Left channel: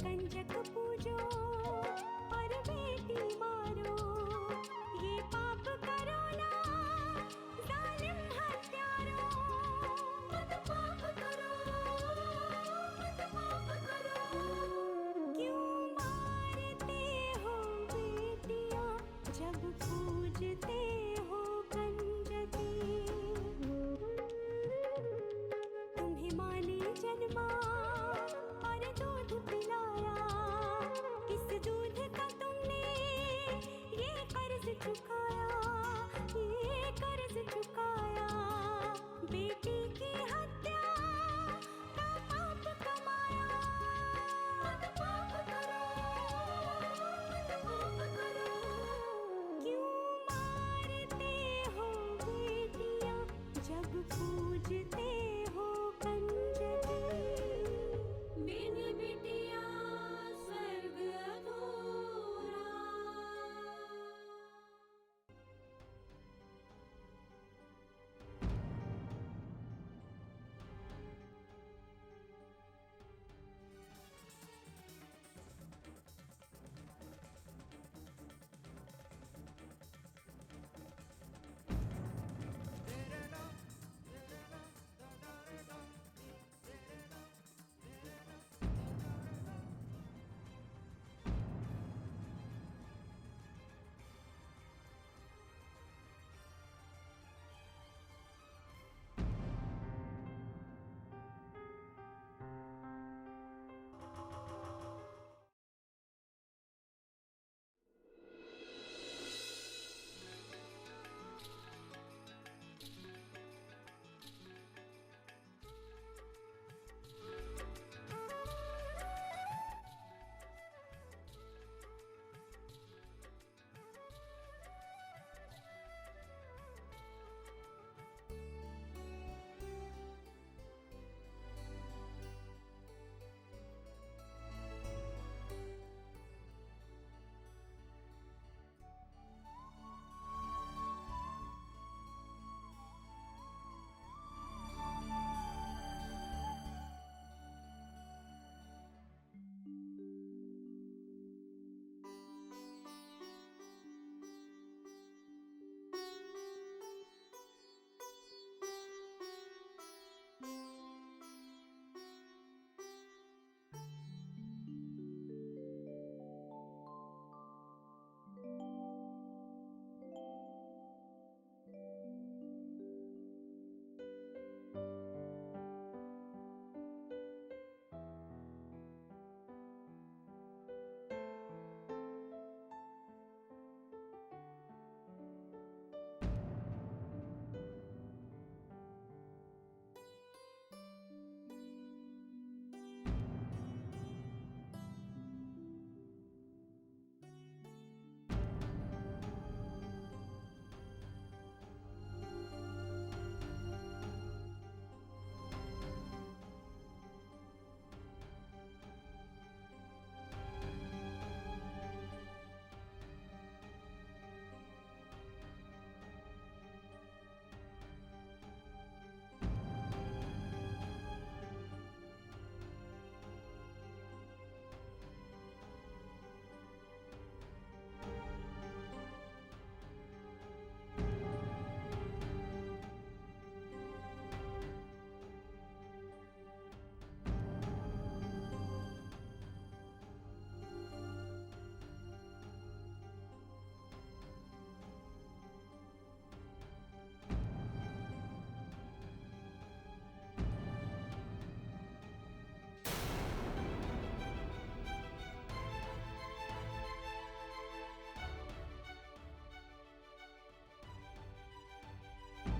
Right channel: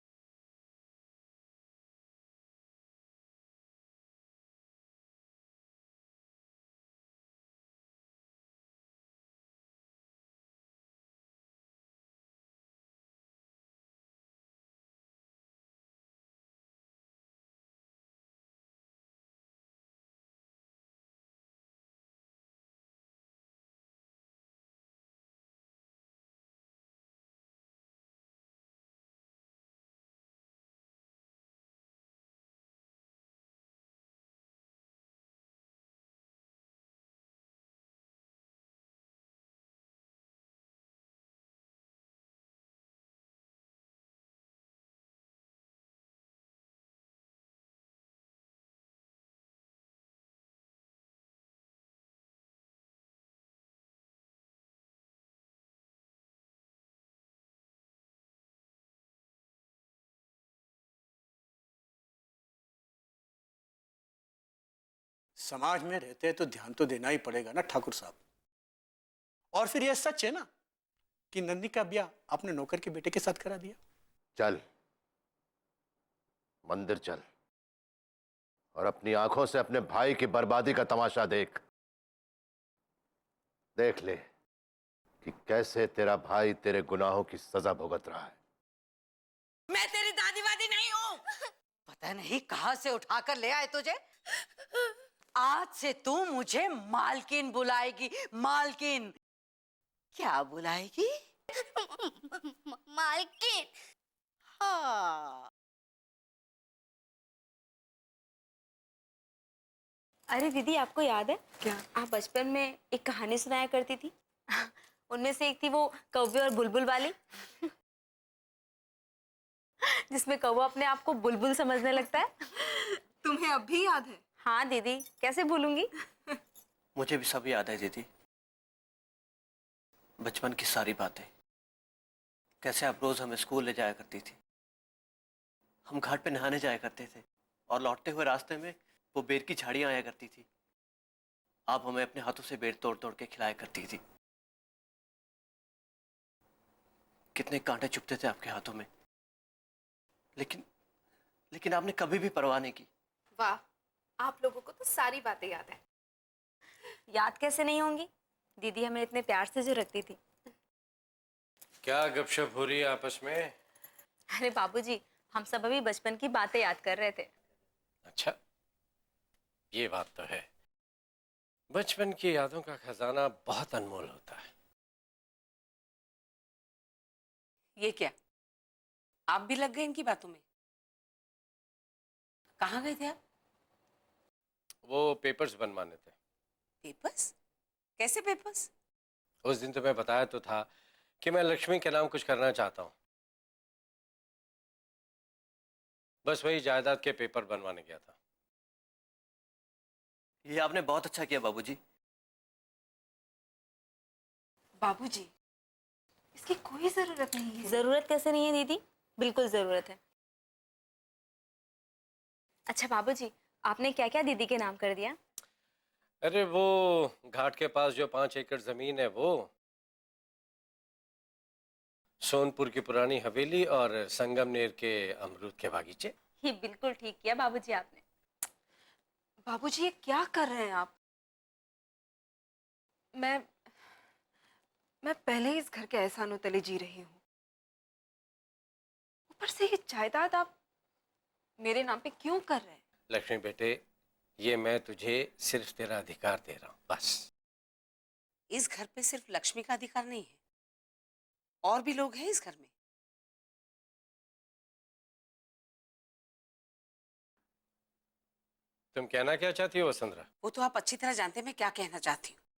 कंजक पूजो और बेटी मारो, ये पाप करो ना जालिम हत्यारो। मत पाप करो, मत पाप करो। क्यों मारते हो बेटियां जब पूजते हो कंजकी। तुम्हें माँ ने जन्मा और दूध पिलाया, इस दूध का तुमने ये कर्ज चुकाया, ये कर्ज चुकाया। बेटी की हत्या का पाप कमाया। मत पाप करो, मत पाप करो। क्यों मारते हो बेटियां जब पूजते हो कंजकी। बिन बिटिया स्वर्ग अधूरा। समाज में रहते हैं तो ध्यान तो देना ही पड़ेगा ना ठाकुर साहब। और फिर यह सच है ना कि नंदी का ब्याह आपने नौकर के बेटे के साथ करा दिया। चल मंदिर चल और अपनी आंखों से अपने भाई की बर्बादी का तमाशा देख। देख ले कि कैसे तेरा भाई तेरे गुनाहों की सजा भुगत रहा है। मैं तेरी दादी वादी नहीं हूँ। पता नहीं कहाँ से उठाकर ले आए तुझे। आज से तू मुझे मालकिन बुलाएगी, मालकिन। क्या बुलाएगी? मालकिन। हाँ। अरे दीदी, आपको याद है क्या? आप बचपन में एक कहानी सुनाया करती थी। उनमें से एक थी वो कौवे और बुलबुल वाली, जिसमें कौवा अपने आप को बुलबुल समझने लगता है। तुम्हें अब भी याद है? हाँ दीदी, कैसे भूलूंगी। मुझे भी सब याद है दीदी, बचपन की सारी बातें। कैसे आप रोज हमें स्कूल ले जाया करती थी, हम घाट पे नहाने जाया करते थे और लौटते हुए रास्ते में वो बेर की झाड़ियां आया करती थी। आप हमें अपने हाथों से बेर तोड़ तोड़ के खिलाया करती थी। कितने कांटे चुभते थे आपके हाथों में, लेकिन आपने कभी भी परवाह नहीं की। वाह, आप लोगों को तो सारी बातें याद है। याद कैसे नहीं होंगी, दीदी हमें इतने प्यार से जो रखती थी। क्या गपशप हो रही है आपस में? अरे बाबूजी, हम सब अभी बचपन की बातें याद कर रहे थे। अच्छा, ये बात तो है। बचपन की यादों का खजाना बहुत अनमोल होता है। ये क्या, आप भी लग गए इनकी बातों में? कहाँ गए थे आप? वो पेपर्स बनवाने थे। पेपर्स? कैसे पेपर्स? उस दिन तुम्हें बताया तो था कि मैं लक्ष्मी के नाम कुछ करना चाहता हूँ। बस वही जायदाद के पेपर बनवाने गया था। ये आपने बहुत अच्छा किया बाबूजी। बाबूजी, इसकी कोई जरूरत नहीं है। जरूरत कैसे नहीं है दीदी, बिल्कुल जरूरत है। अच्छा बाबूजी, आपने क्या क्या दीदी के नाम कर दिया? अरे वो घाट के पास जो 5 एकड़ जमीन है, वो सोनपुर की पुरानी हवेली और संगमनेर के अमरूद के बागीचे। ये बिल्कुल ठीक किया बाबूजी आपने। बाबूजी, ये क्या कर रहे हैं आप? मैं पहले ही इस घर के एहसानों तले जी रही हूँ। ऊपर से ये जायदाद आप मेरे नाम पे क्यों कर रहे हैं? लक्ष्मी बेटे, ये मैं तुझे सिर्फ तेरा अधिकार दे रहा हूँ, बस। इस घर पे सिर्फ लक्ष्मी का अधिकार नहीं है, और भी लोग हैं इस घर में। तुम कहना क्या चाहती हो वसुंधरा? वो तो आप अच्छी तरह जानते हैं मैं क्या कहना चाहती हूँ।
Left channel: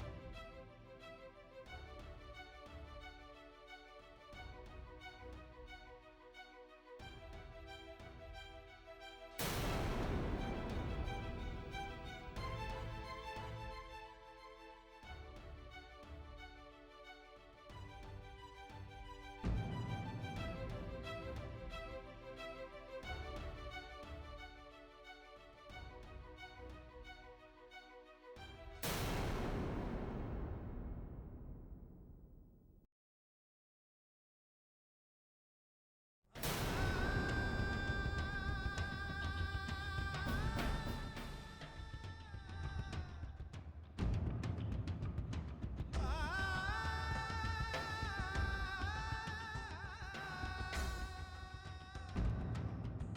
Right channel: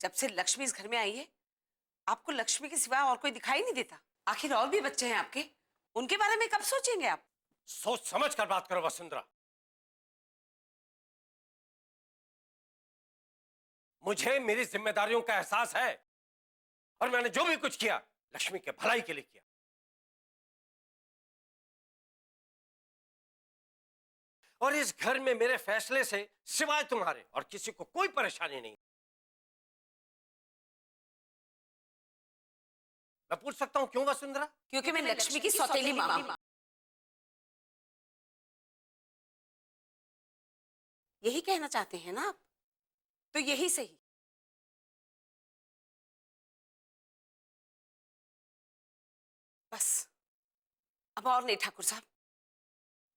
जब से लक्ष्मी इस घर में आई है, आपको लक्ष्मी के सिवा और कोई दिखाई नहीं देता। आखिर और भी बच्चे हैं आपके, उनके बारे में कब सोचेंगे आप? सोच समझ कर बात करो वसुंधरा। मुझे मेरी जिम्मेदारियों का एहसास है और मैंने जो भी कुछ किया लक्ष्मी के भलाई के लिए किया। और इस घर में मेरे फैसले से सिवाय तुम्हारे और किसी को कोई परेशानी नहीं। मैं पूछ सकता हूँ क्यों वसुंधरा? क्योंकि मैं लक्ष्मी की सौतेली माँ हूँ। यही कहना चाहते हैं ना आप? तो यही सही। बस अब और नहीं ठाकुर साहब,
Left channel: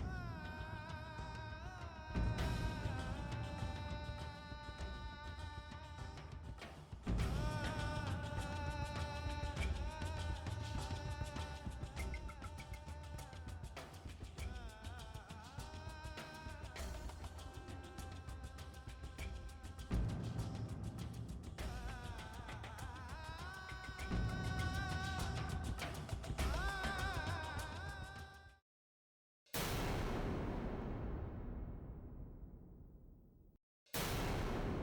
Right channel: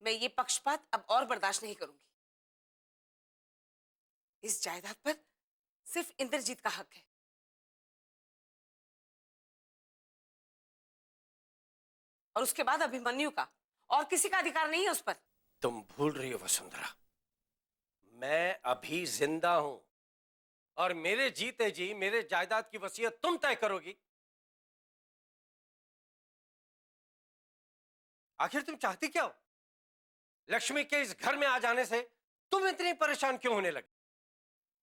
मैं ये पक्षपात अब और बर्दाश्त नहीं करूंगी। इस जायदाद पर सिर्फ इंद्रजीत का हक है। और उसके बाद अभिमन्यु का, और किसी का अधिकार नहीं है उस पर। तुम भूल रही हो वसुंधरा, मैं अभी जिंदा हूं और मेरे जीते जी मेरे जायदाद की वसीयत तुम तय करोगी। आखिर तुम चाहती क्या हो? लक्ष्मी के इस घर में आ जाने से तुम इतनी परेशान क्यों होने लगी?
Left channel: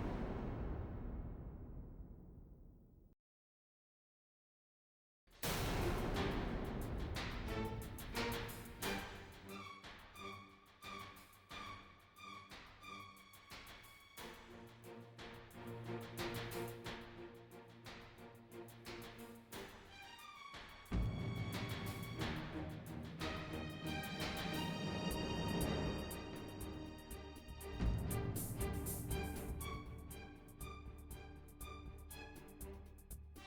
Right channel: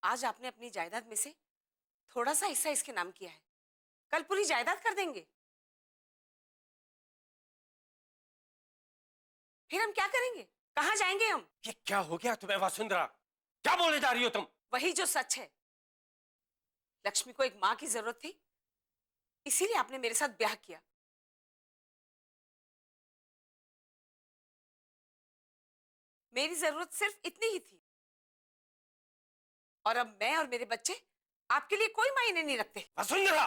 आज आपने अपनी जायदाद में से थोड़ा सा हिस्सा इसके नाम किया है, कल पूरी जायदाद कर देंगे। फिर हम क्या करेंगे? कहाँ जाएंगे हम? ये क्या हो गया तुम्हें वसुंधरा? क्या बोले जा रही हो तुम? वही जो सच है। लक्ष्मी को एक माँ की जरूरत थी, इसीलिए आपने मेरे साथ ब्याह किया। मेरी जरूरत सिर्फ इतनी ही थी, और अब मैं और मेरे बच्चे आपके लिए कोई मायने नहीं रखते। वसुंधरा!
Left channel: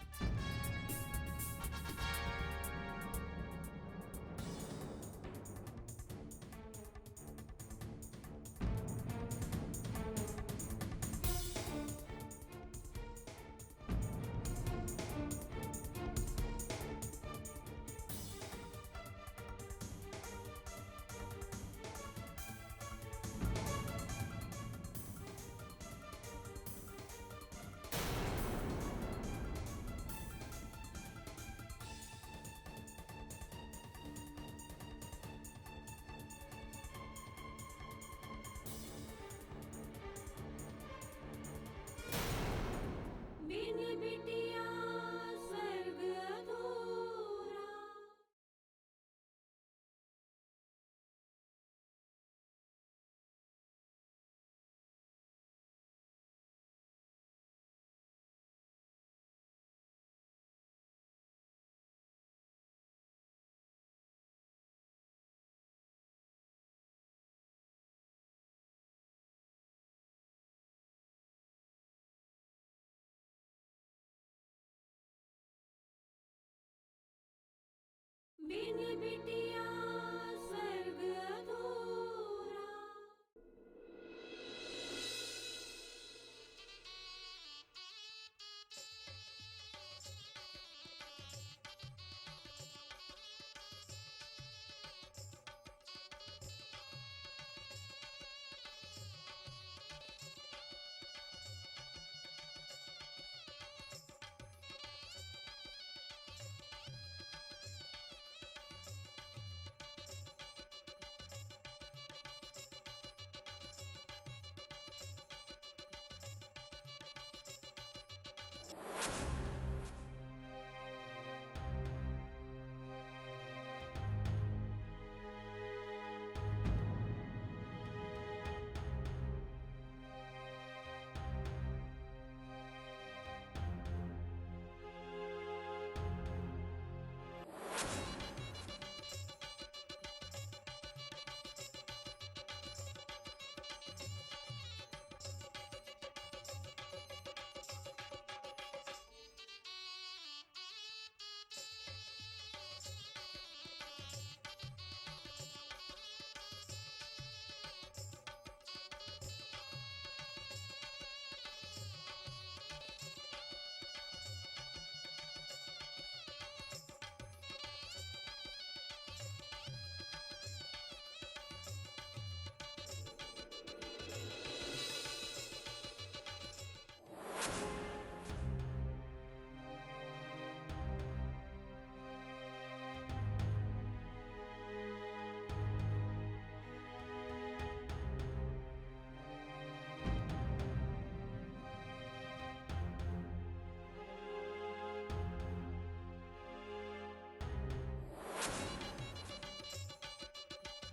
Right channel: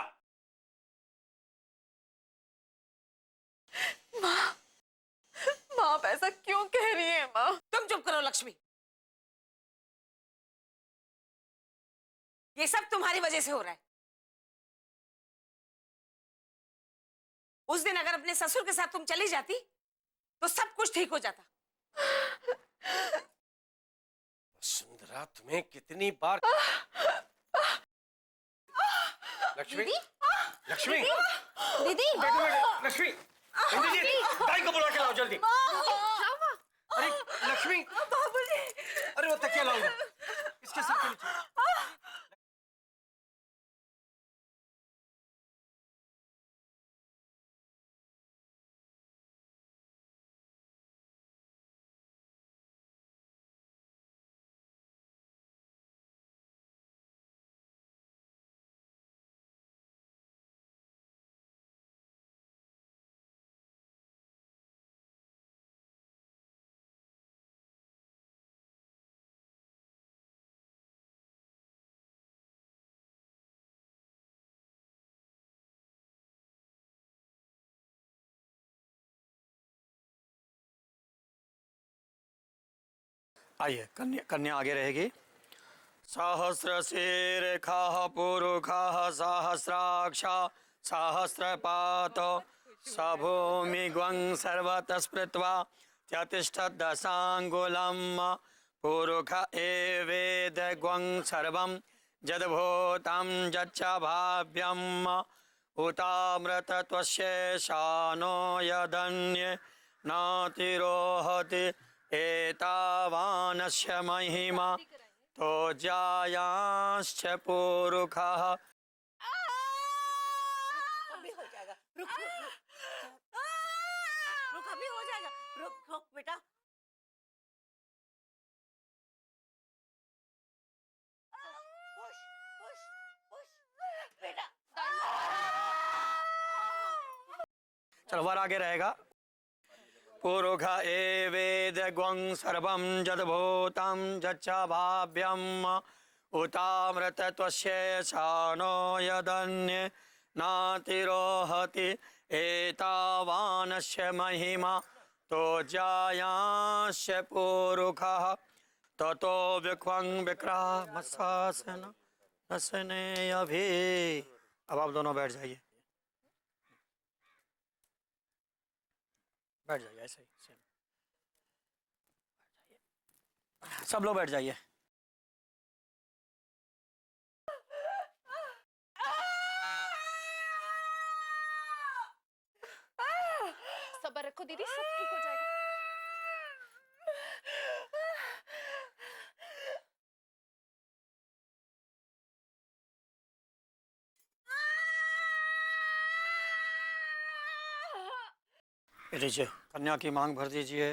माँ आप ऐसा क्यों कह रही है माँ? तुम चुप करो लक्ष्मी। ये सब तुम्हारी वजह से हो रहा है। उस दिन अगर अपने ससुर के साथ तुम चली जाती तो सब कुछ ठीक हो जाता। सुंदरा, तुम्हें कितनी बार लक्ष्मी, लक्ष्मी, दीदी बैठो बैठो। लक्ष्मी, इंद्रजीत, गाय को बुला के लाओ जल्दी। अरे लक्ष्मी, अरे वो तकिया लाओ इसके साथ। बिन बिटिया स्वर्ग अधूरा। बिन बिटिया स्वर्ग अधूरा। आइए, कन्या कन्या आगे रहेगी। सहस्रशीर्षा पुरुषः सहस्राक्षा सहस्रपात सभूमिग्वं सर्वतः स्मृत्वा यतिष्ठदशाङ्गुलं पुरुष एवेदग्वं सर्वं यद्भूतं यच्च भाव्यम् उतामृतत्वशेषानो यदन्ये नातिरोहति एतावानस्य महिमा तो जायांश्च पुरुषः। अभी हो जाएगा। रुक बेटा। तलवार आगे रहेगा। पुरुष एवेदग्वं सर्वं यद्भूतं यच्च भाव्यम् उतामृतत्वशेषानो यदन्ये नातिरोहति एतावानस्य महिमा तो जायांश्च पुरुषः ततो विक्वं विक्रामशासन अभी। अब आप दोनों बैठ जाइए, बैठ जाइए ऐसे। सब लोग बैठ जाइए। सब्र रखो दीदी, सब ठीक हो जाएगा। लीजिए, कन्या की मांग भर दीजिए।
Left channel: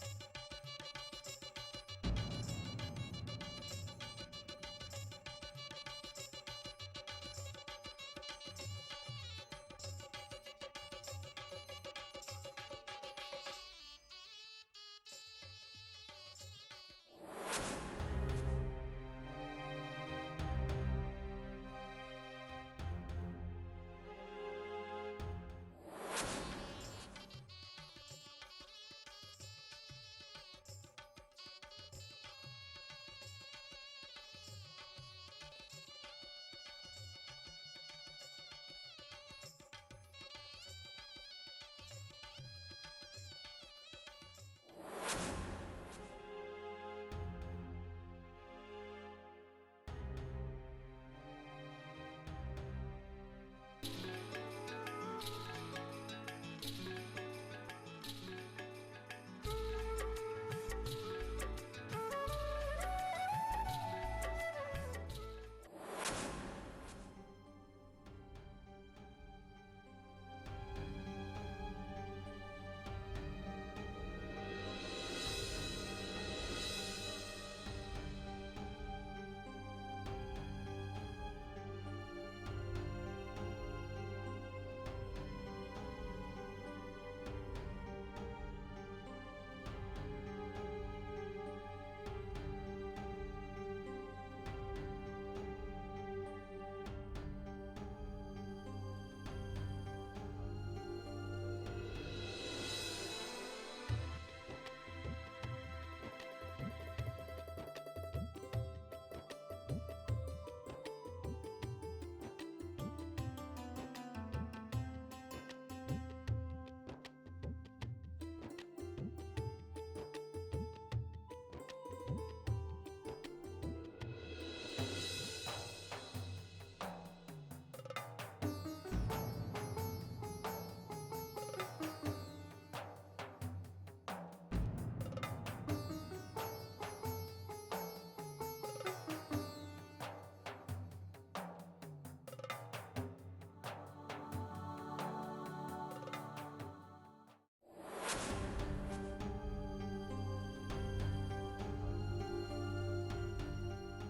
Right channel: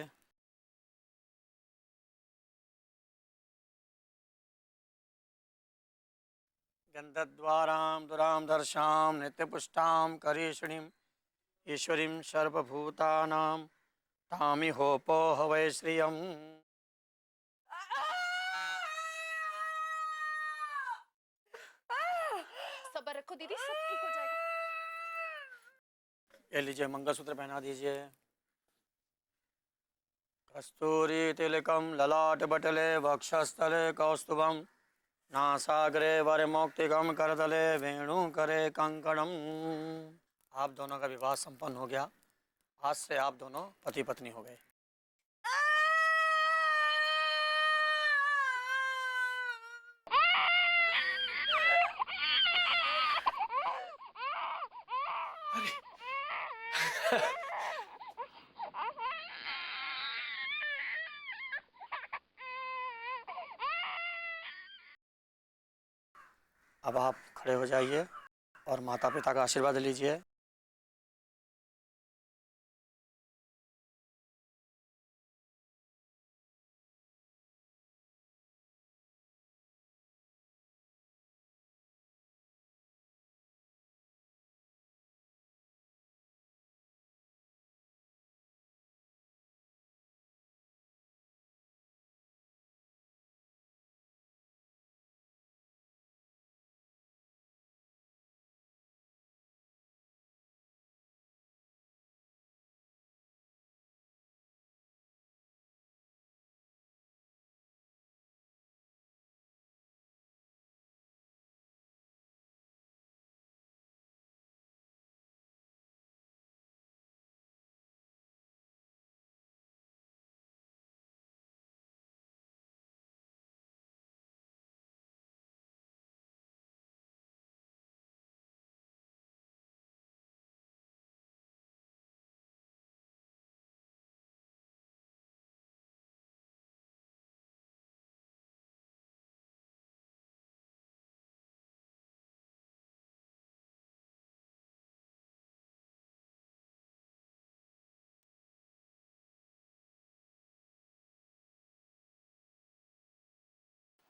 विदद्वारां दुरां दर्शां नित्यपुष्टां करीषिणीं ईश्वरीं सर्वभूतानां तामिहोपो हवै श्रियम्। सबर रखो दीदी, सब ठीक हो जाएगा। ले लीजिए, मंगलसूत्र पहना दीजिए। कस्तूरी तिलकम ललाट बटले वक्षस्थले कौस्तुभम नासाग्रे वरमौक्तिकम करतले वेणु करे कंकणम। आप दोनों का विवाह संपन्न हो गया। आज से आप दोनों पति पत्नी हो गए। अब आप खड़े हो जाइए और माता पिता का आशीर्वाद लीजिए।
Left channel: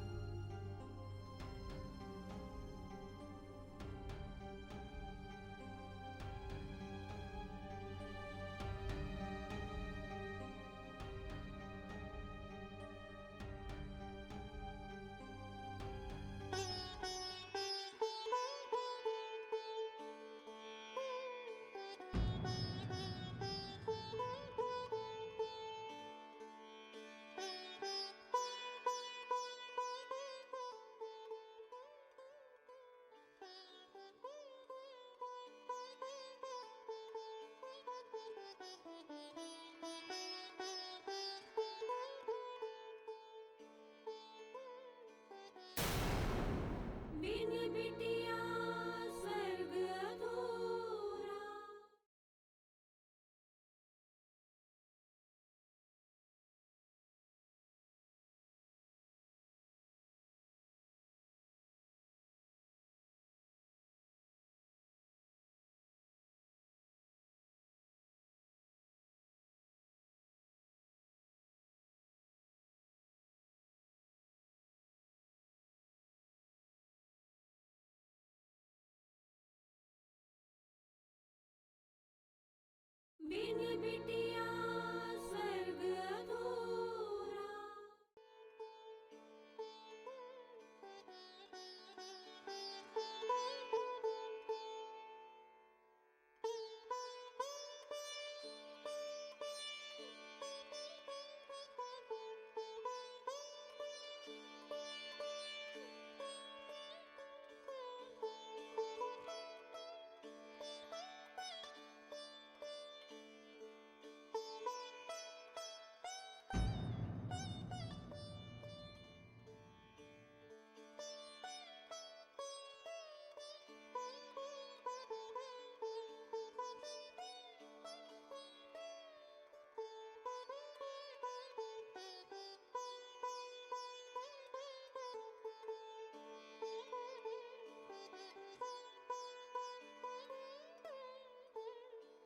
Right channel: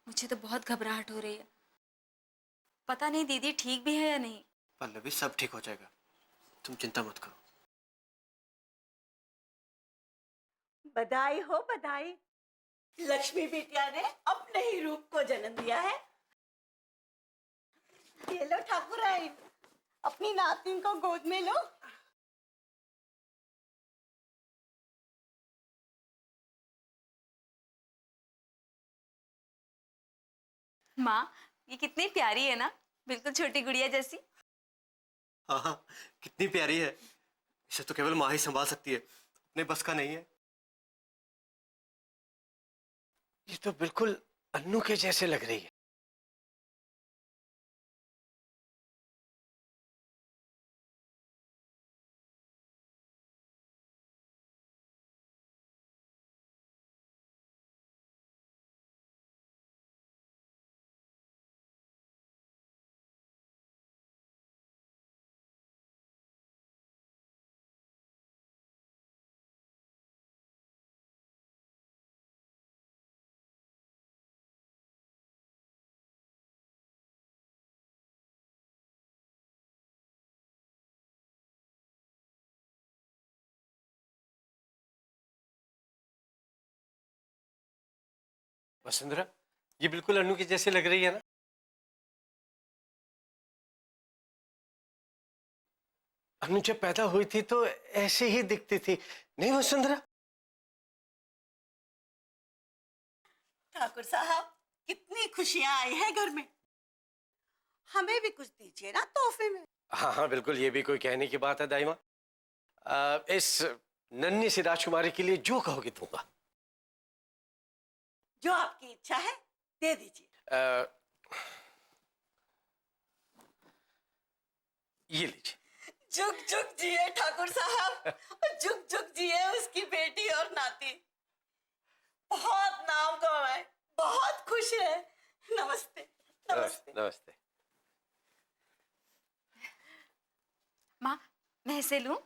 मुझे तो बहुत घबराहट हो रही है। पता नहीं दीदी ठीक भी है या नहीं। पल्लवी, सब ठीक हो जाएगा, तुम चिंता मत करो। बधाई हो बधाई। लक्ष्मी बिटिया ने अपने ही रूप को जन्म दिया है। ये लो ठाकुराइन, अपनी नातिन को गोद में लो। माँ, ये कितनी प्यारी है ना, बिल्कुल छोटी गुड़िया जैसी। हाँ, कितनी प्यारी है। इसे तो केवल माँ ही संभाल सकती है, नहीं बस का नहीं है। ये तो बिल्कुल अन्नू के जैसे लग रही है। बिन बिटिया स्वर्ग अधूरा। बिन बिटिया स्वर्ग अधूरा। वसुंधरा, ये बिल्कुल अन्नू की जैसे लग रही है ना। अन्नू जब पैदा हुई थी तो ऐसे ही दिखती थी, नहीं वसुंधरा? ठाकुर साहब, कितनी खुशियां आई है घर में। हमें भी कुछ दीजिए ना तोहफे में। हाँ हाँ बिल्कुल, ये भी कोई कहने की बात है दाई माँ। इस नन्ही सी राजकुमारी के लिए जो कहोगे दूंगा। जो आपकी इच्छा है दे दीजिए। ये लीजिए। जुग जुग जिए ठाकुर साहब, जुग जुग जिए उसकी बेटी और नाती। बहुत नाम कमाए, बहुत खुश है। नमस्ते नमस्ते। नमस्ते। माँ, मैं इसे लूं?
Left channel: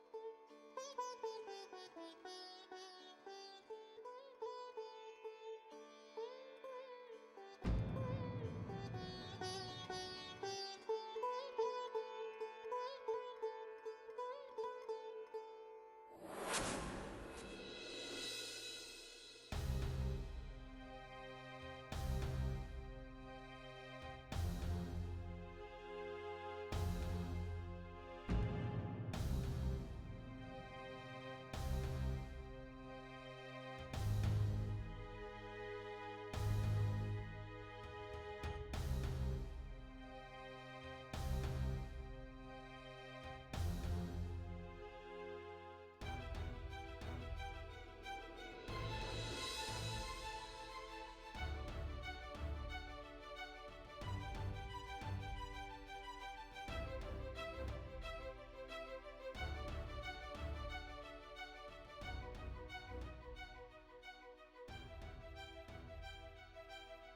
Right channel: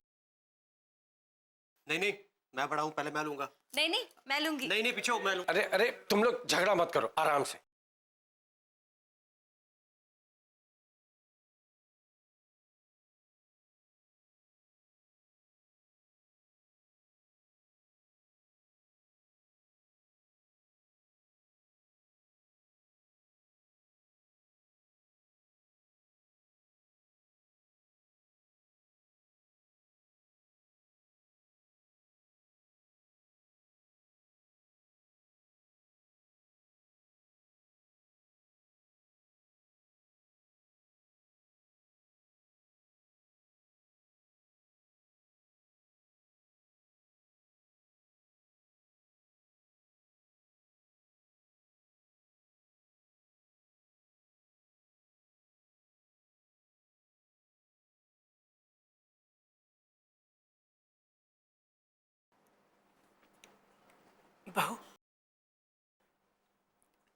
नहीं नहीं, मैं बड़ा हूँ, पहले मैं लूंगा। नहीं नहीं, मैं लूंगी। नहीं नहीं, पीछे हो, मैं लूं। अरे अरे, तुम लोग झगड़ा मत करो, आराम से।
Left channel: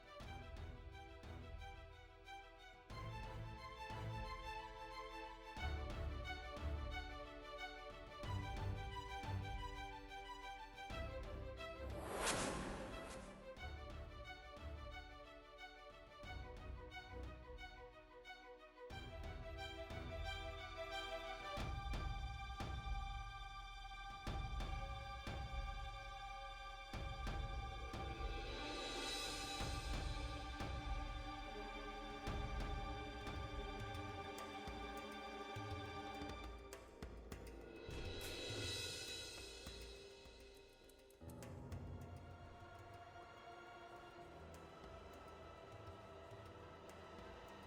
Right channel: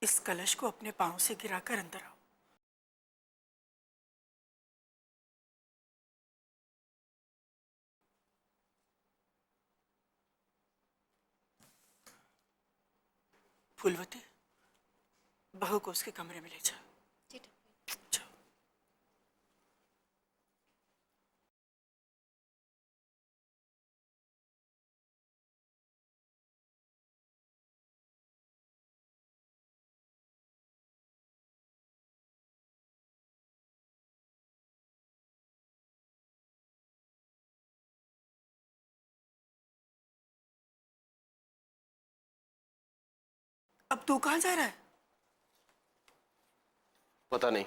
इस कलश को अपने पांव से गिराकर अंदर आओ। फूलवती, बहू को उसके कमरे में ले जा। जाओ। अब तू कहाँ जा रहा है? पता नहीं।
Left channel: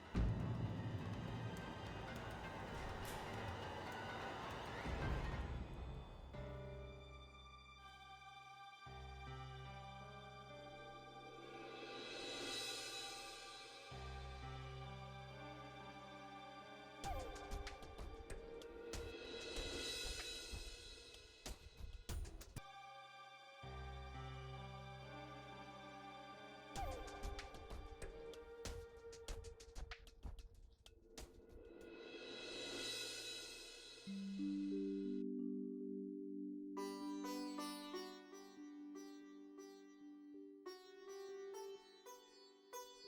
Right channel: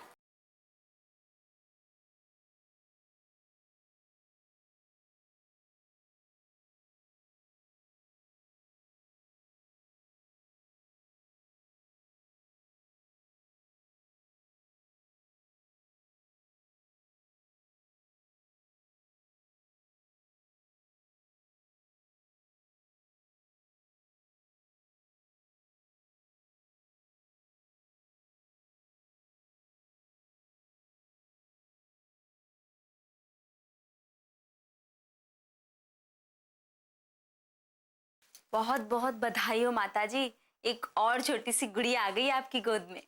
बहुत बहुत बधाई हो माताजी, एक और छोटी सी गुड़िया आ गई आपकी गोद में।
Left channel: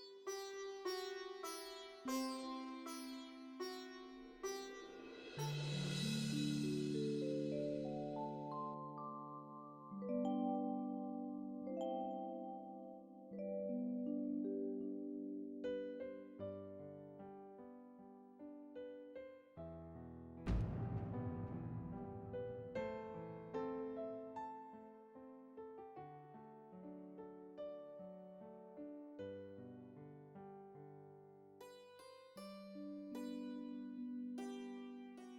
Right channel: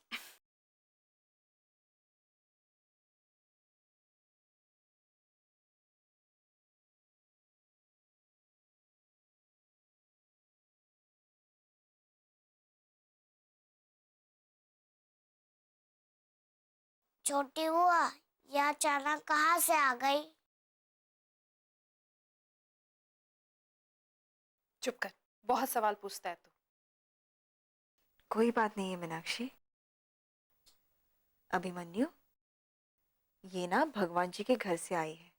छोटी हुआ, यह अचानक कहाँ से आ गई? चुप कर, बहुत सवाल पूछता है तू। कोई बात नहीं है मीनाक्षी। अभिमन्यु, ये ना भगवान जी के घर से आई है।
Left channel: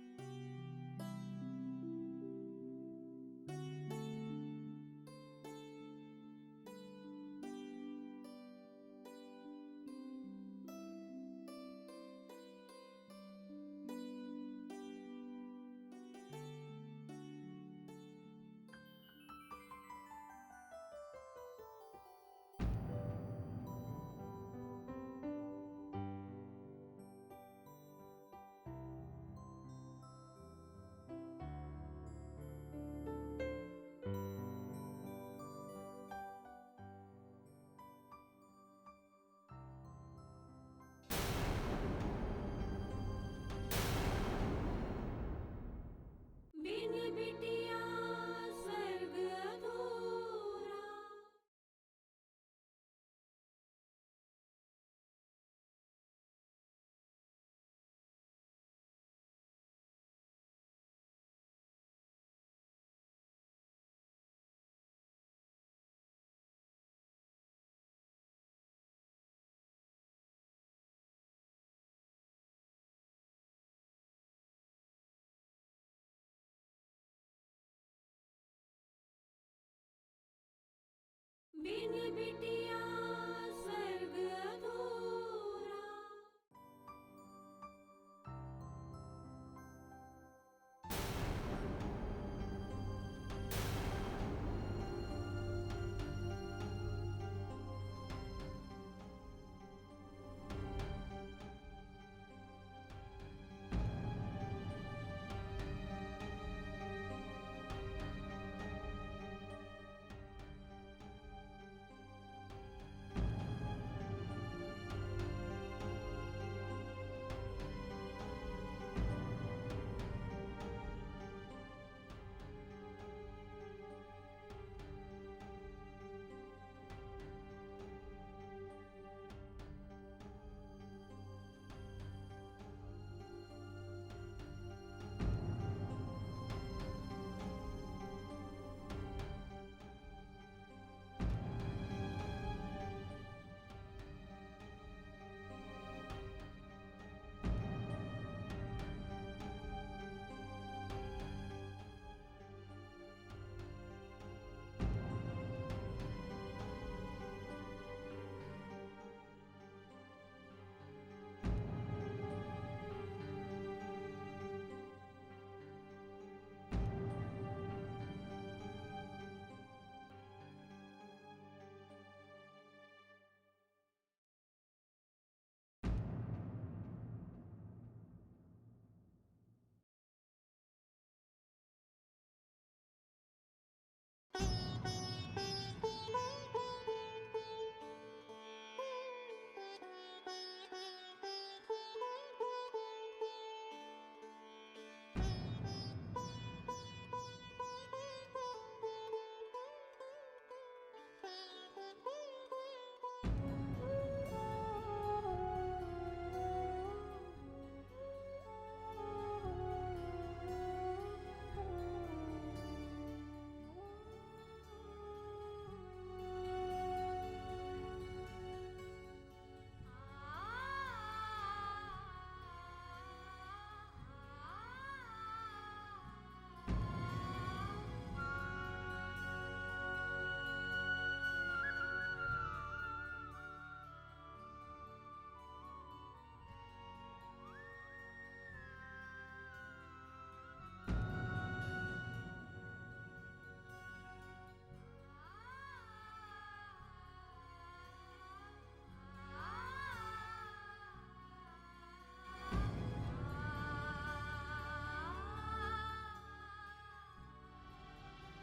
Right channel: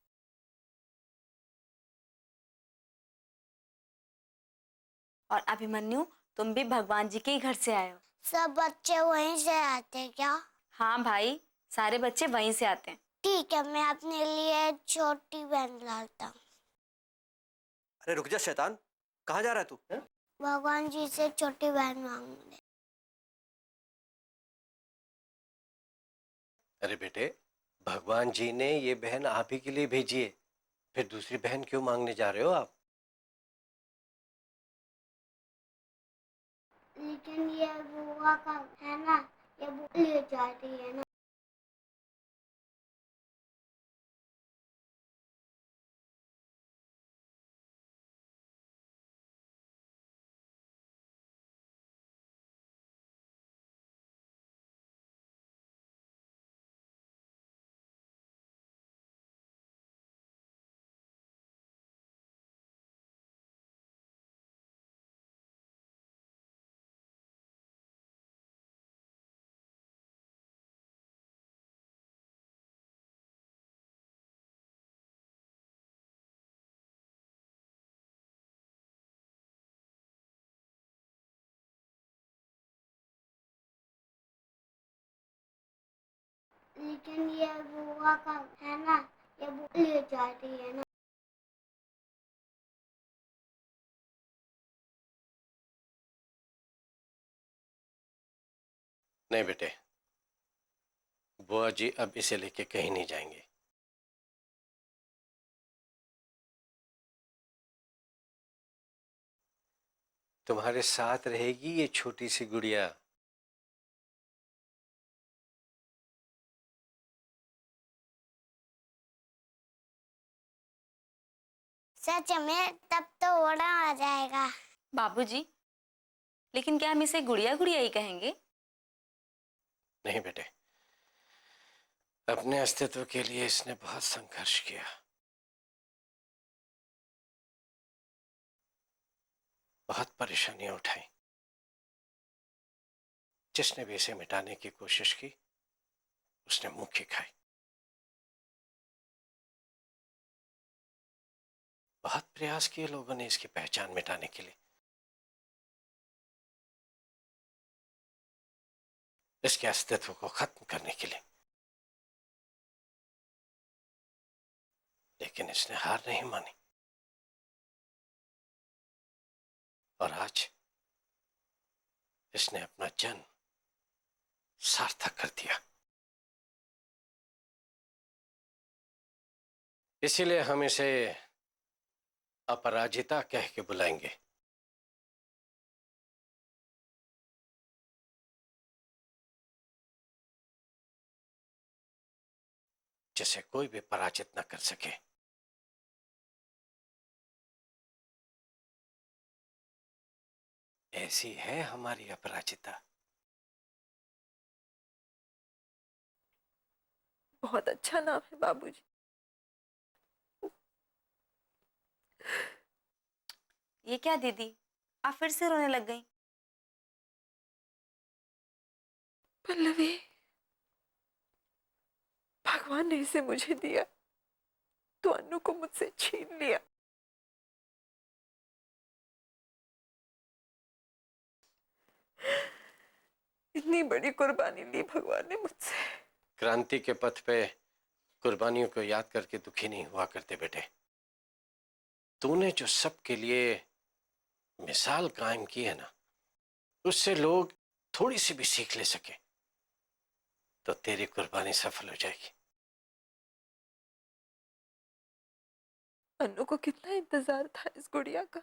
और अभिमन्यु, तुम भी भगवान जी के ही घर से आए हो। सब बच्चे वहीं से आते हैं क्या? हाँ भाई, सारे बच्चे वहीं से आते हैं। ठीक है, मैं अपने लिए छोटी बहन लाता हूँ। अरे रुक जा शैतान, कहाँ जा रहा है तू? भगवान जी से छोटी बहन मांगने। अरे बेटे, भगवान जी ने ये बहन आप ही के लिए भेजी है, फिर दूसरी बहन क्यों मांगने जा रहे हो आप? लेकिन ये बुआ का है ना, ये बुआ ले जा रही है ना। बिन बिटिया स्वर्ग अधूरा। बिन बिटिया स्वर्ग अधूरा। लेकिन ये बुआ का है ना, ये बुआ ले जा रही है ना। नहीं बेटे, बुआ जी अब इसे लेके कहीं नहीं जाएंगे। तुम्हारे साथ रहेगी ये छोटी सी गुड़िया। सच में? तब तो बड़ा आ जाएगा। बाबूजी, लेकिन क्या हम इसे गुड़िया गुड़िया ही कहेंगे? नहीं बेटे, अपने अस्तित्व के लिए इसने बहुत संघर्ष किया। बहुत परेशानियां उठाई। जिसने भी इसे मिटाने की कोशिश की, उसने मुंह की खाई। बहुत प्रयास किए लोगों ने इसकी पहचान मिटाने के लिए, इसके अस्तित्व को खत्म करने के लिए, लेकिन इसने हार नहीं मानी। और आज इसने अपना जन्म सार्थक कर दिया। इसीलिए हम इसे अपराजिता कह के बुलाएंगे। जिसे कोई भी पराजित न कर सके। ऐसी है हमारी अपराजिता। बहुत अच्छा नाम है बाबूजी। ये क्या दीदी, आप फिर से रोने लग गई? पल्लवी, भगवान ने इसे मुझे दिया तो अन्नू को मुझसे छीन लिया। इतनी बड़ी कुर्बानी ली भगवान ने मुझसे। क्रांति के पथ पे कुर्बानियों को याद करके दुखी नहीं हुआ करते बेटे। तूने जो सबके लिए मिसाल कायम की है ना, उससे लोग थोड़ी सी भी सीख ले सके तो तेरी कुर्बानी सफल हो जाएगी। अन्नू को कितना इंतजार था इस गुड़िया का।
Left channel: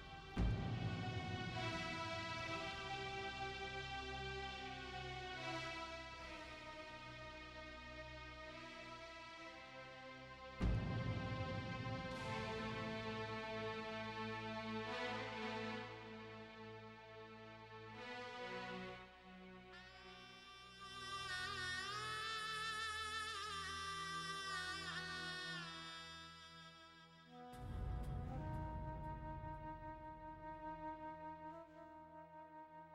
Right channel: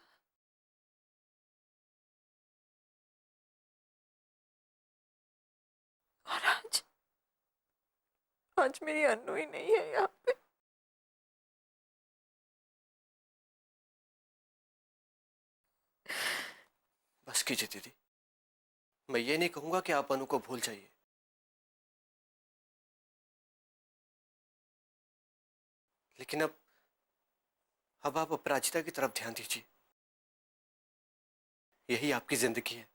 और आज मेरी अन्नू ही नहीं है यहाँ पे। बस कीजिए दीदी, मैं ये नहीं कहूंगा कि आप अनु को भूल जाइए, लेकिन अब आप अपराजिता की तरफ ध्यान दीजिए। यही आपकी जिंदगी है।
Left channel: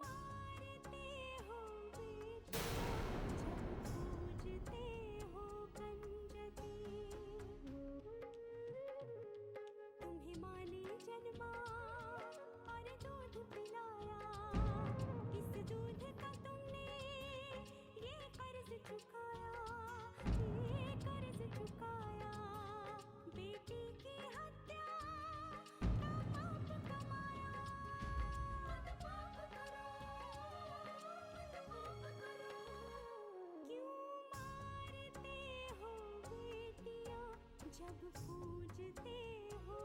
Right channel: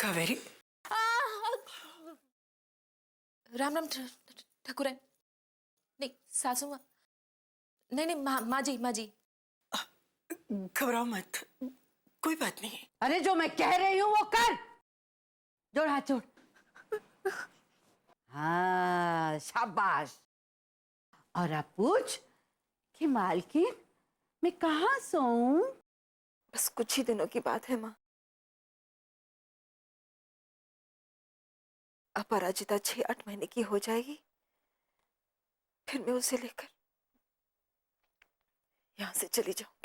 कावेरी, राम राम ठाकुरन। नहीं सासू माँ, नहीं माँ जी, माँ जी। घबराओ मत, कोई बात नहीं। अरे जो मैं कह रही हूँ वो कर। जोड़ हाथ जोड़। हाँ शाबाश। और अब पूछ कि मालकिन मैं कहाँ सोऊं? बस कुछ ही दिनों की बात है माँ। अपराजिता 6-8 महीने की हो जाएगी, फिर मैं उसे लेकर यहाँ से चली जाऊँ।